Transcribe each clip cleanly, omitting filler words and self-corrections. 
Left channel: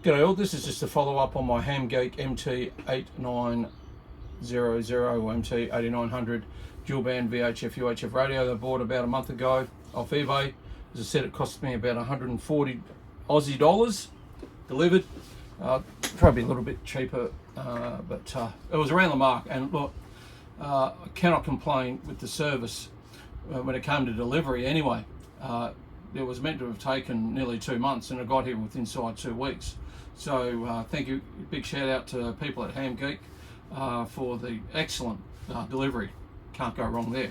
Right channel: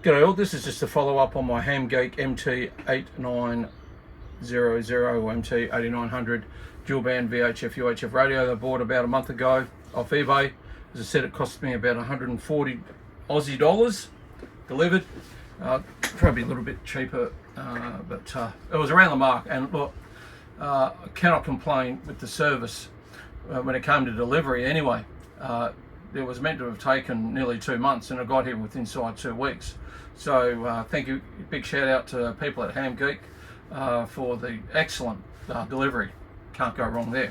G'day all, this is just a follow up on my Ham Geek MT8900 or MT8900 dual band VHF UHF radio that I bought about a month ago off eBay. As I said, it cost me about 140 Aussie dollars delivered. Probably a little bit cheaper, but it was around the mark. And look, I cannot complain with the service when it came to delivery anyway. It was meant to have taken nearly 2 months and I got here within inside 2 weeks. So thank you, big shout out to people at Ham Geek for the excellent delivery. Can't go wrong there.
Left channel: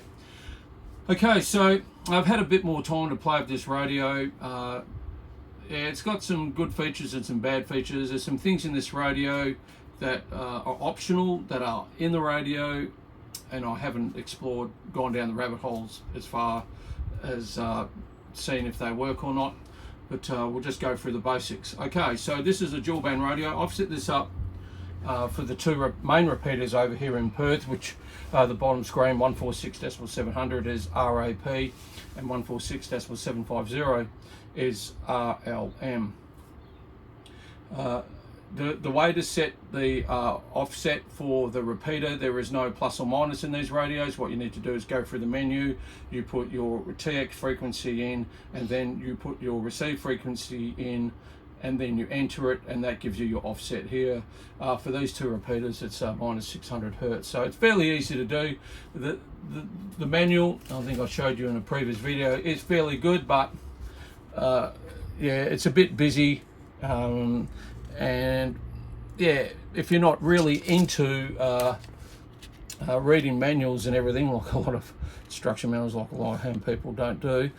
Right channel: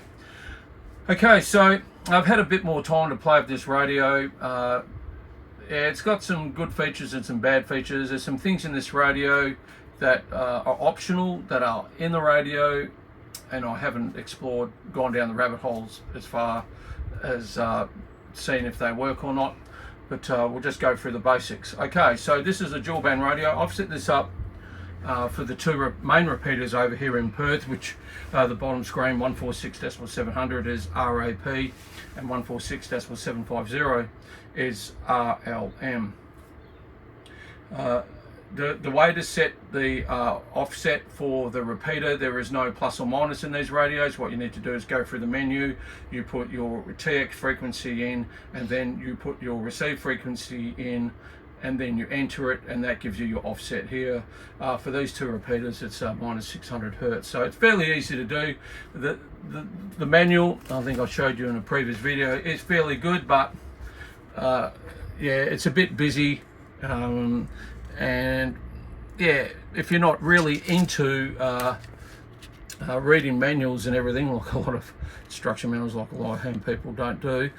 Okay, so I've had a bit more time to play with this radio. Yeah, it's got some good features and some bad features. There's some things in this radio that are optional, that are in the radio, and I haven't explored, gone down the rabbit holes as far as seeing if they work or not, but we'll just go through the basics. Okay, so this is a dual band radio. I've set this up for the two main repeaters over here in Perth, which the bottom screen 146.700 is RAP and 146.750 is RLM. The way to set the offset for the repeater, there is no plus or minus in these radios. What you need to do is go through the menu, you put your TX frequency in, and then you put your receive frequency in, and then you enter it, and that gives you your offset here. For these two repeaters, it's minus 600 hertz. So it's fairly easy to do. The manual, I think I showed you in a previous video, is fairly good, but yeah, it's a bit busy. And yeah, if you're not really into reading manuals and everything, like a lot of instruction manuals, like a lot of ham people don't do,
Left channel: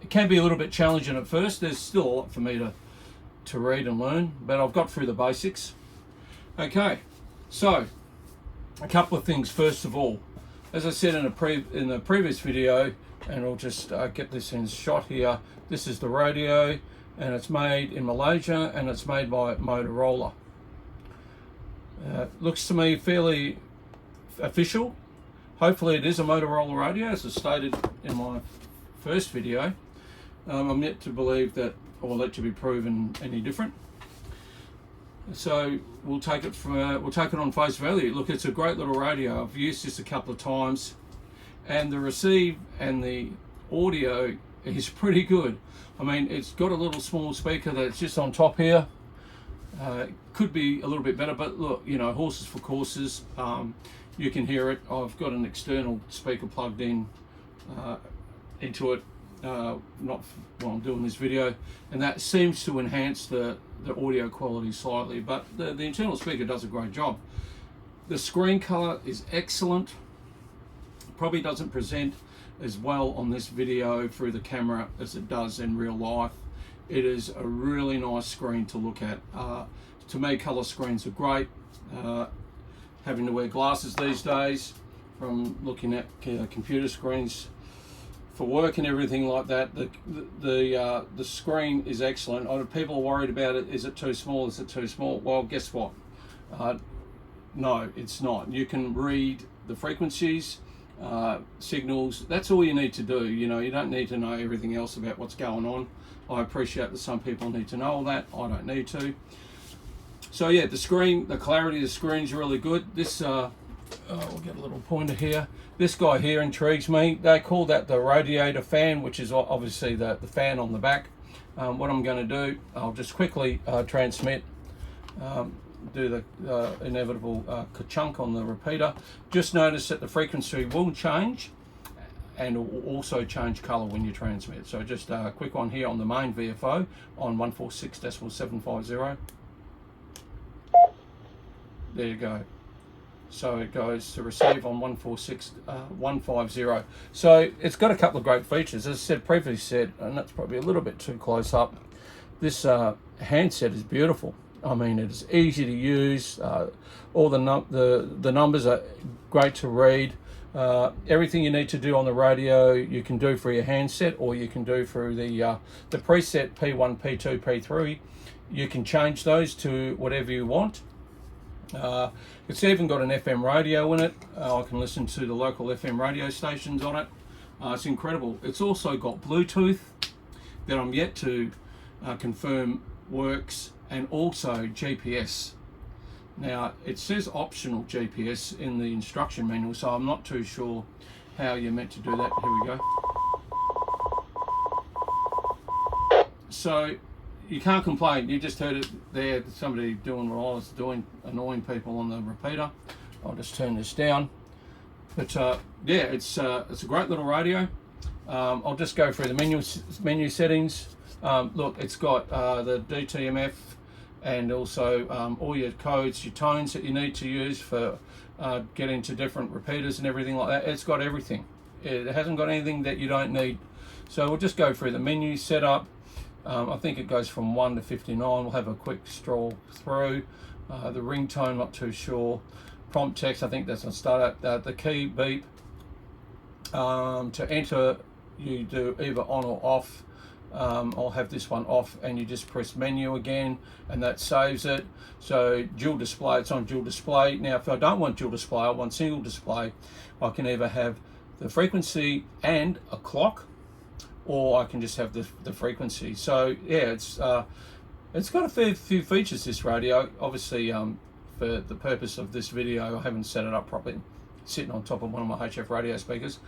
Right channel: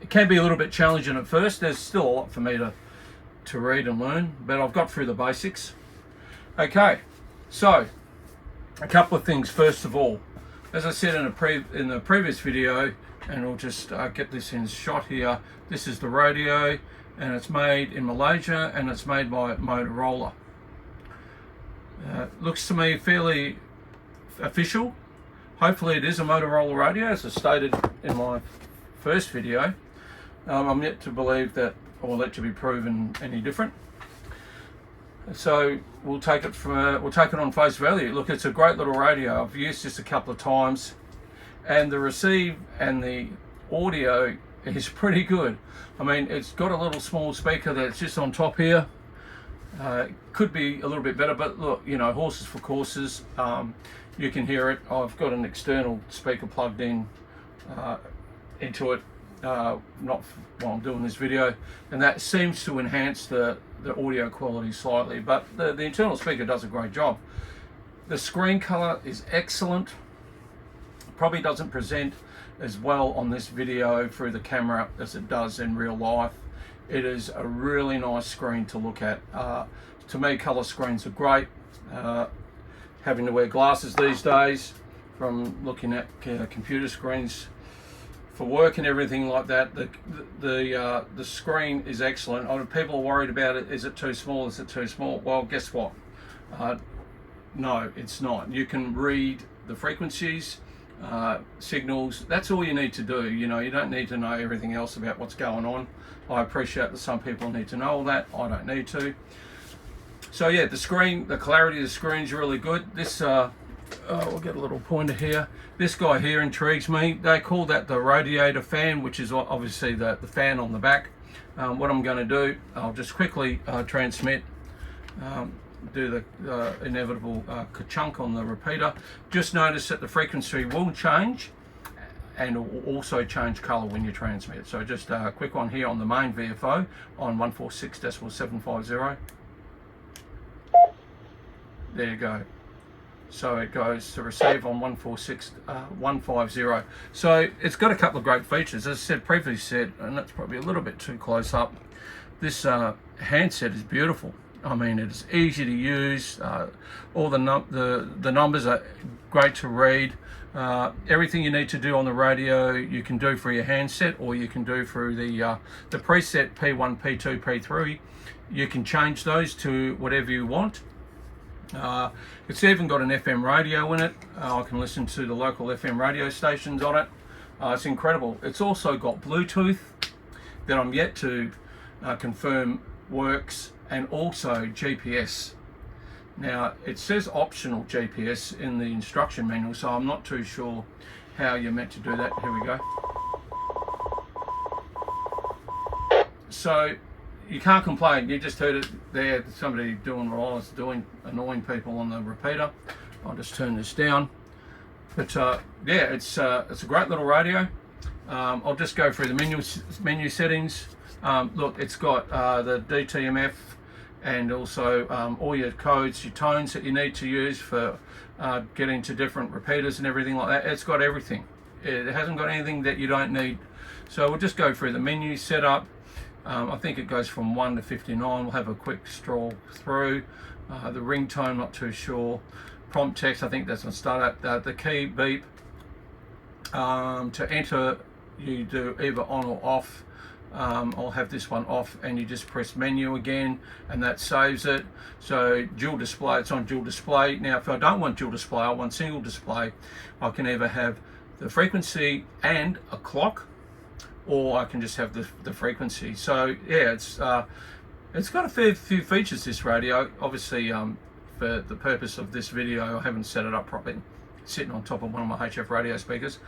it can be a little bit challenging at first. There's still a lot for me to read and learn, but I've got through the basics. Okay, so a couple of things. First of all, as I said in the previous video, and we'll just get this in shot here, this is the radio, and it's made in Malaysia and it's made by Motorola. Looks to me fairly official. Hopefully it is a Motorola radio, as I stated in my first video. I'm yet to believe that, or let to be proven any different. So we'll take it on face value. Look, it's a great little radio. I've used this a couple of times, and the receive and the audio is pretty good. I mean, it's got a little small speaker that's just on top here. Could be a little bit better, but look, you know, horses for courses. You can hear it. I've got an external speaker plugged in into it, not while I'm doing this video, and that seems to enhance the audio quality slightly, but the internal speaker does a great job. The screen color is excellent. Probably doesn't present as well on this video through the camera as it does in real life. It is a really nice screen to look at. To me, color screens are great. Having to wear glasses these days, from looking at computer screens for work and everything like that, the screen is excellent. People are worried about it. Is it too small? Is it too small? Well, guess what? No, it's not. You can read the frequencies, signals. That's all you need to do. You know, you don't need to know everything else about what's going on. I appreciate that some people need to know all that. I don't need to. So yeah, the screen, the clarity of the screen is really good. This we'll get a little pointer here. This guy here intrigues me. They call that the radiator fan, which is obviously the fan on the back. What I'm going to do, I'll just quickly transmit, do the inevitable ka-chunk on the repeater. Just notice that the frequency will change, and will also change color when you transmit. So just a quick one here on the main VFO on 146.750. There you go. So it goes to receive on 146.150. So it's got a couple of great features. As I said, previously said, and that's probably a little bit too close up, this handset is beautiful. I mean, it's easy to use. All the numbers are great to read. Everything you need to do on the radio, you can do for your handset, or you can do through the preset P1, P2, P3. You can change those to whatever you want. It's even got an FM radio in it. I can listen to the local FM radio stations on it. It's incredible. It's also got Bluetooth that I'm yet to confirm works, and also GPS. Now it says optional GPS in the instruction manual, so I'm not too sure how you're meant to do that. Here we go. So you can't complain. You just heard it there, somebody doing what I was doing, annoying people on the repeater. I'll just turn this down. But yeah, it's a great little radio. I'll just go through the menu settings. Look, it's got the DTMF and also all your codes, your tones that you need to use for getting to different repeaters and everything like that. It's got everything. It hasn't got anything that you don't need. So we'll just go through the menu setup. I think it goes from 1 to 59. We'll have a quick stroll through. The ringtone, not too sure. Prompt text, I think that's on start up. The key beep. To enter, you do either on or off. I'll have this one off, and you just press menu again, and that saves it. So dual display, it's on dual display. Now if I don't want dual display, I want single display. I can either have the frequency and a clock, or I can just have the frequency. So yeah, it's got a fair few features, this radio. Obviously for the purpose of this video, I haven't set it up properly, sitting on top of one of my UHF radio speakers.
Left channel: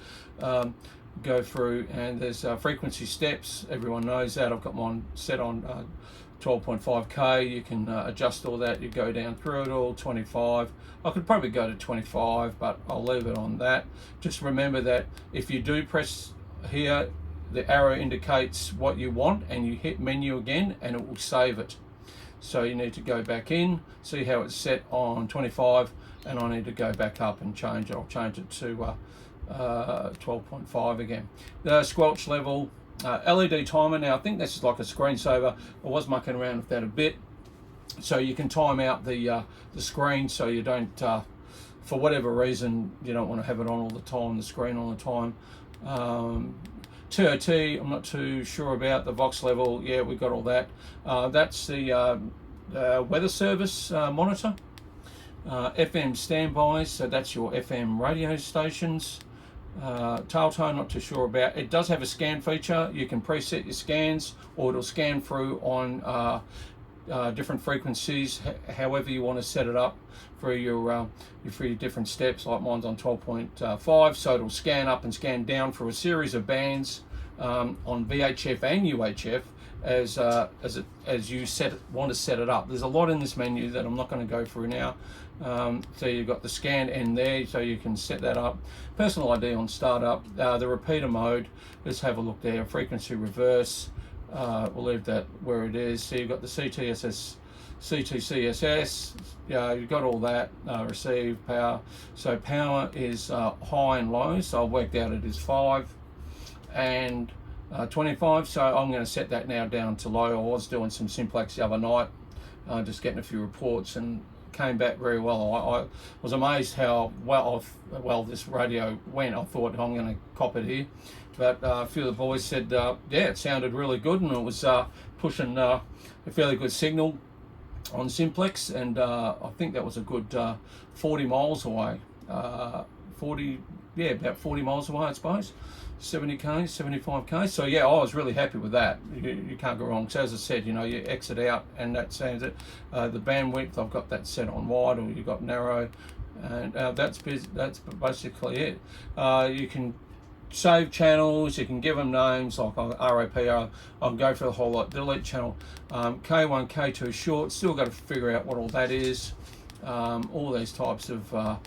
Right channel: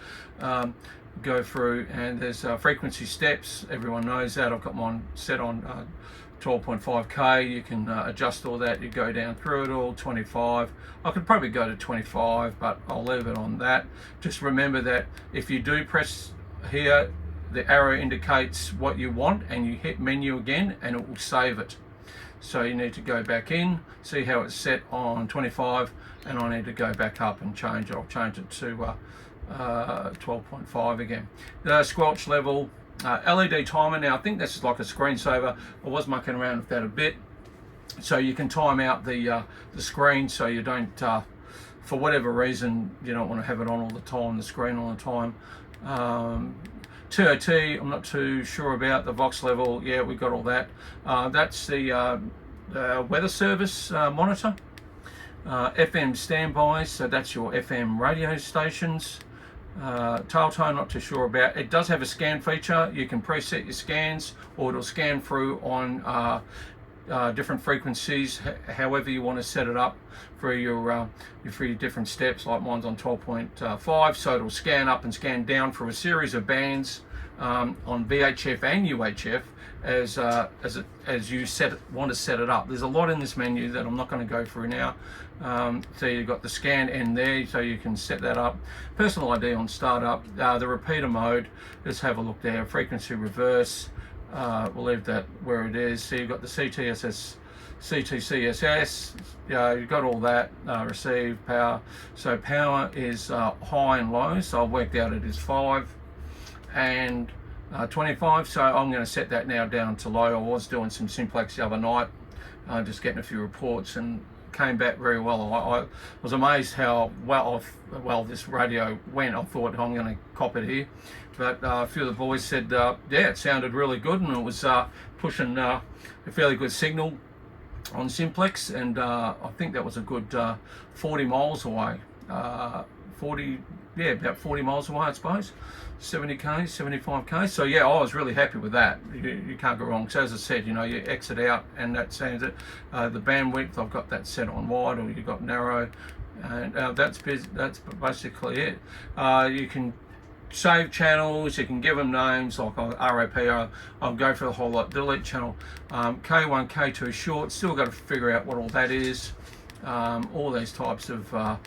Go through, and there's frequency steps. Everyone knows that. I've got mine set on 12.5k. You can adjust all that. You go down through it all. 25. I could probably go to 25, but I'll leave it on that. Just remember that if you do press here, the arrow indicates what you want, and you hit menu again and it will save it. So you need to go back in, see how it's set on 25, and I need to go back up and change it. I'll change it to 12.5 again. The squelch level, LED timer. Now I think this is like a screensaver. I was mucking around with that a bit, so you can time out the screen, so you don't for whatever reason you don't want to have it on all the time, the screen all the time. TOT, I'm not too sure about. The Vox level, yeah, we got all that. That's the weather service monitor. FM standby, so that's your FM radio stations. Tail tone, not too sure about. It does have a scan feature. You can preset your scans, or it'll scan through on different frequencies, however you want to set it up for your different steps. Like mine's on 12.5, so it'll scan up and scan down through a series of bands on VHF and UHF as you want to set it up. There's a lot in this menu that I'm not going to go through now. So you've got the scan end there, so you can set that up. Personal ID on startup. The repeater mode, let's have a look there. Frequency reverse, we'll leave that where it is. So you've got the CTCSS, you've got all that. Receive power, so power is high and low, so I've worked out it is 5 and 25, so I'm going to set that now down to low. I was doing some simplex the other night, just getting a few reports, and came back very well. I was amazed how well this radio went. I thought I'm going to cop it here, but a few of the boys said yeah, it sounded really good, and it was pushing a fairly good signal on simplex, and I think that was a good 40 miles away. 40, yeah, about 40 miles away, I suppose. 70k, 75k. So yeah, I was really happy with that. You can't go wrong. So as I said, you know, you exit out and that sounds it. The bandwidth, I've got that set on wide, or you got narrow, and that's basically it. You can save channels, you can give them names like RAP. I'll go for the whole lot. Delete channel, K1, K2 short. Still got to figure out what all that is. All these types of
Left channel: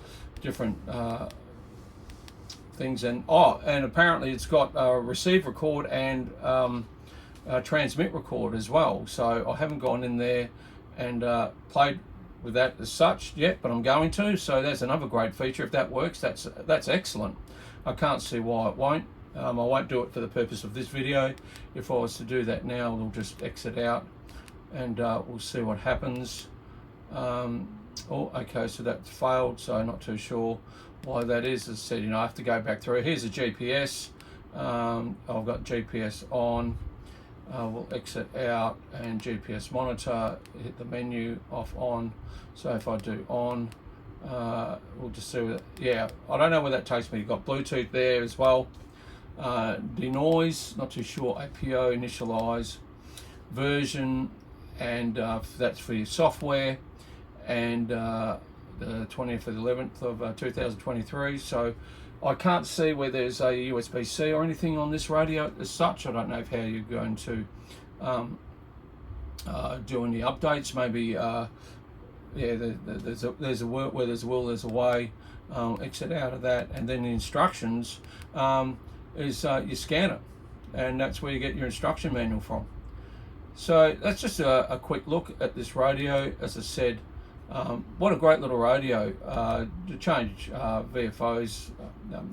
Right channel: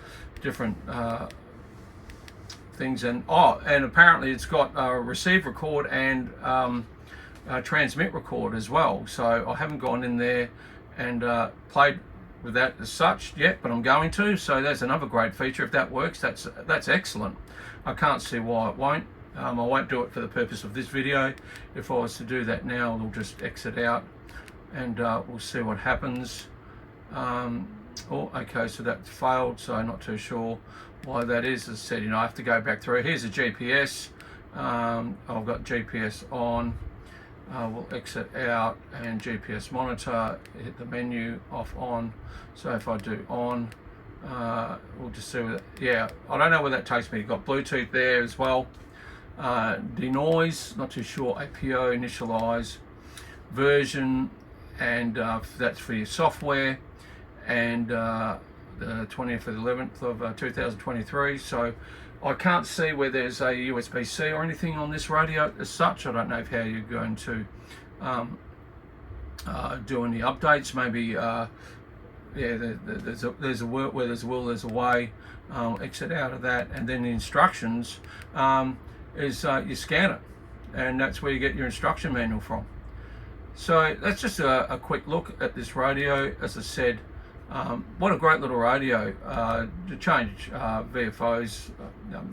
different things, and apparently it's got receive, record, and transmit, record as well. So I haven't gone in there and played with that as such yet, but I'm going to. So that's another great feature. If that works, that's excellent. I can't see why it won't. I won't do it for the purpose of this video. If I was to do that now, it'll just exit out, and we'll see what happens. Oh, okay, so that's failed, so not too sure why that is. As I said, you know, I have to go back through. Here's a GPS. I've got GPS on. We'll exit out, and GPS monitor, hit the menu, off, on. So if I do on, we'll just see what, yeah, I don't know where that takes me. You've got Bluetooth there as well. Denoise, not too sure. APO, initialize, version, and that's for your software, and the 20th of the 11th of 2023. So I can't see where there's a USB-C or anything on this radio as such. I don't know how you're going to do any updates. Maybe yeah, there's a work where there's a will, there's a way. Exit out of that, and then the instructions is you scan it, and that's where you get your instruction manual from. So that's just a quick look at this radio. As I said, what a great little radio to change VFOs.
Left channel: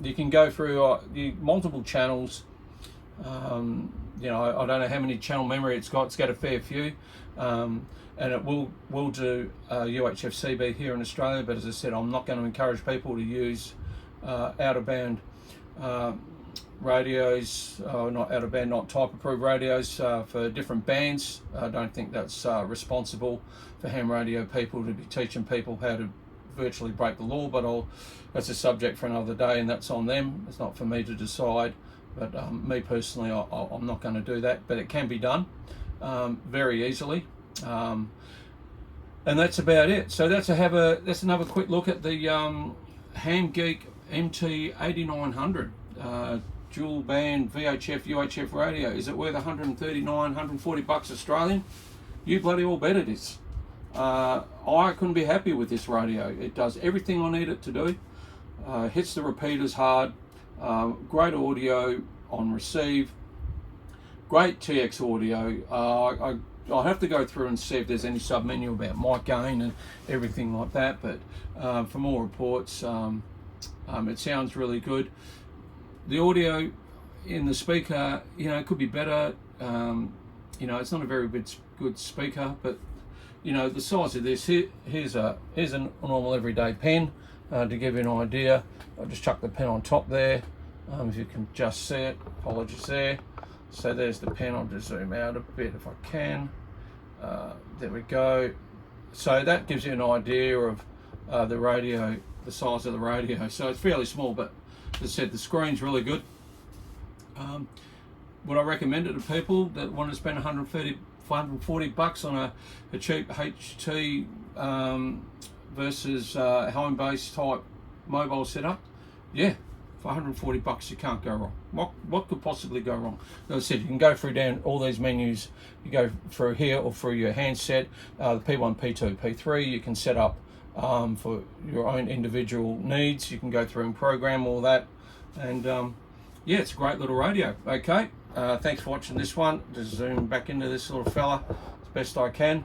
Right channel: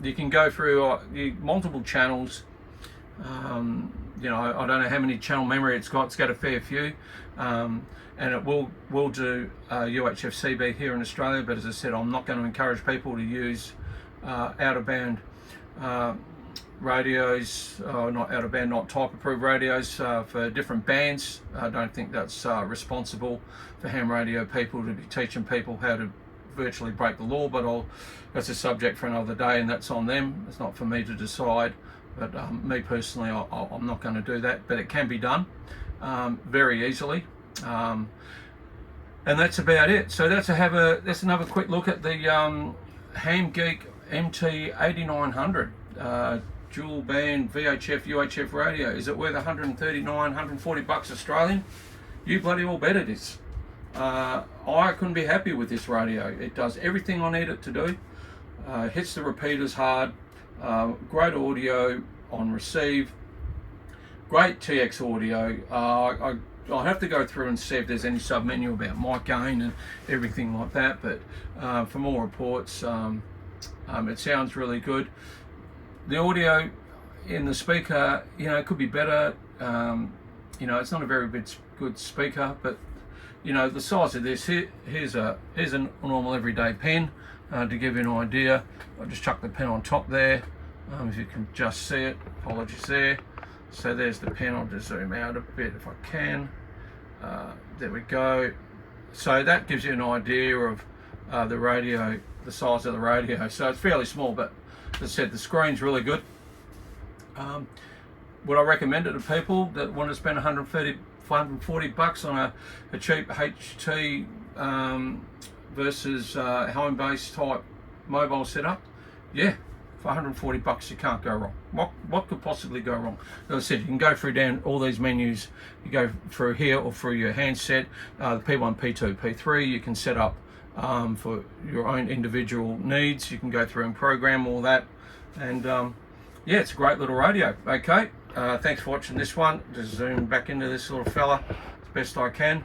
You can go through multiple channels. You know, I don't know how many channel memory it's got. It's got a fair few, and it will do UHF CB here in Australia. But as I said, I'm not going to encourage people to use out of band radios, not out of band, not type approved radios for different bands. I don't think that's responsible for ham radio people to be teaching people how to virtually break the law, but that's a subject for another day, and that's on them. It's not for me to decide, but me personally, I'm not going to do that, but it can be done very easily, and that's about it. So that's another quick look at the Ham Geek MT8900 dual band VHF UHF radio. Is it worth 139, 140 bucks Australian? You bloody all bet it is. I couldn't be happy with this radio. It does everything I need it to do. Hits the repeaters hard. Great audio on receive. Great TX audio. I'll have to go through and see if there's any sub menu about mic gain and everything like that. But for more reports, it sounds really good. The audio in the speaker, you know, it could be better. You know, it's not a very good speaker, but you know, the size of this, here's a normal everyday pen to give you an idea. I'll just chuck the pen on top there, if you can just see it. Apologies there. So there's the pen. I'll just zoom out a bit if I can. There we go. So that gives you an idea of the radio, the size of the radio. So it's fairly small, but as I said, the screen's really good. Would I recommend it to people that want to spend 140 bucks on a cheap HT versus home-based type mobile setup? Yeah, for 140 bucks you can't go wrong. What could possibly go wrong? As I said, you can go through down all these menus. You go through here or through your handset, the P1, P2, P3. You can set up for your own individual needs. You can go through and program all that, and yeah, it's a great little radio. Okay, thanks for watching this one. Just zoom back into this little fella as best I can,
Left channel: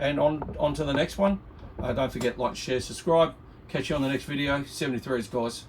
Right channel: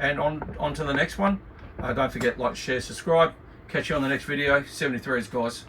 and on to the next one. Don't forget, like, share, subscribe. Catch you on the next video. 73s, guys.